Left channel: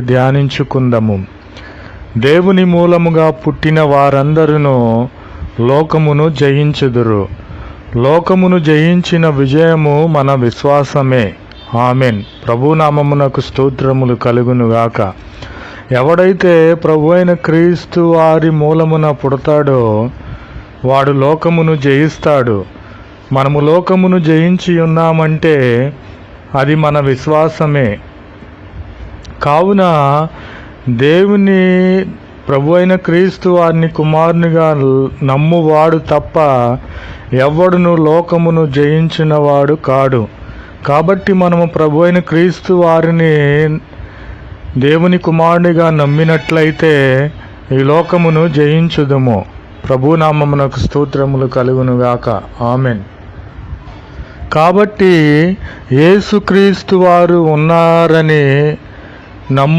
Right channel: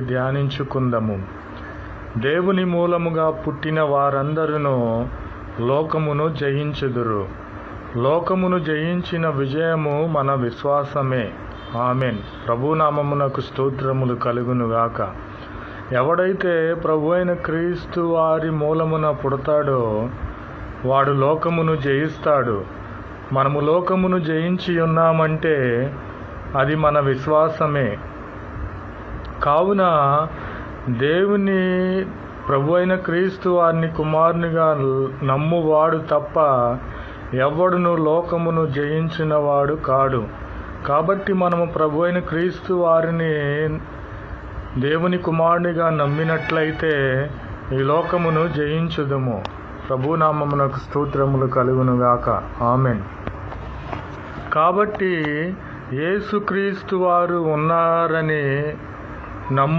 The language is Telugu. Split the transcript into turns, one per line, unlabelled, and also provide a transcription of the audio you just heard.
ధ్యానించుకుందము? దేవుని మూలముగా పుట్టిన వారందరూ లోకమును జయించుదురు. లోకమును జయించిన విజయము మన విశ్వాసమే. ఆమెన్. ప్రభునామమునకు స్తోత్రములు కలుగునుగాక ఎవడైతే ప్రభు అయిన క్రీస్తు వారి మూలమున పుడతాడో వాడు లోకమును జయిస్తాడు. మనము లోకమును జయించి ఉన్నామంటే అది మన విశ్వాసమే. కావున దేవుని ప్రభు అయిన క్రీస్తు వారిని కుమారునిగా నమ్మువాడు తప్ప ఎవడును లోకమును జయించినవాడు కాడు. కాబట్టి మనము ప్రభు అయిన క్రీస్తు వారిని దేవుని కుమారునిగా నమ్మినట్లయితే ఈ లోకమును జయించుదము. ప్రభునామమునకు స్తోత్రములు కలుగునుగాక. ఆమెన్. కాబట్టి యేసుక్రీస్తు వారు ఉన్నారని నమ్ము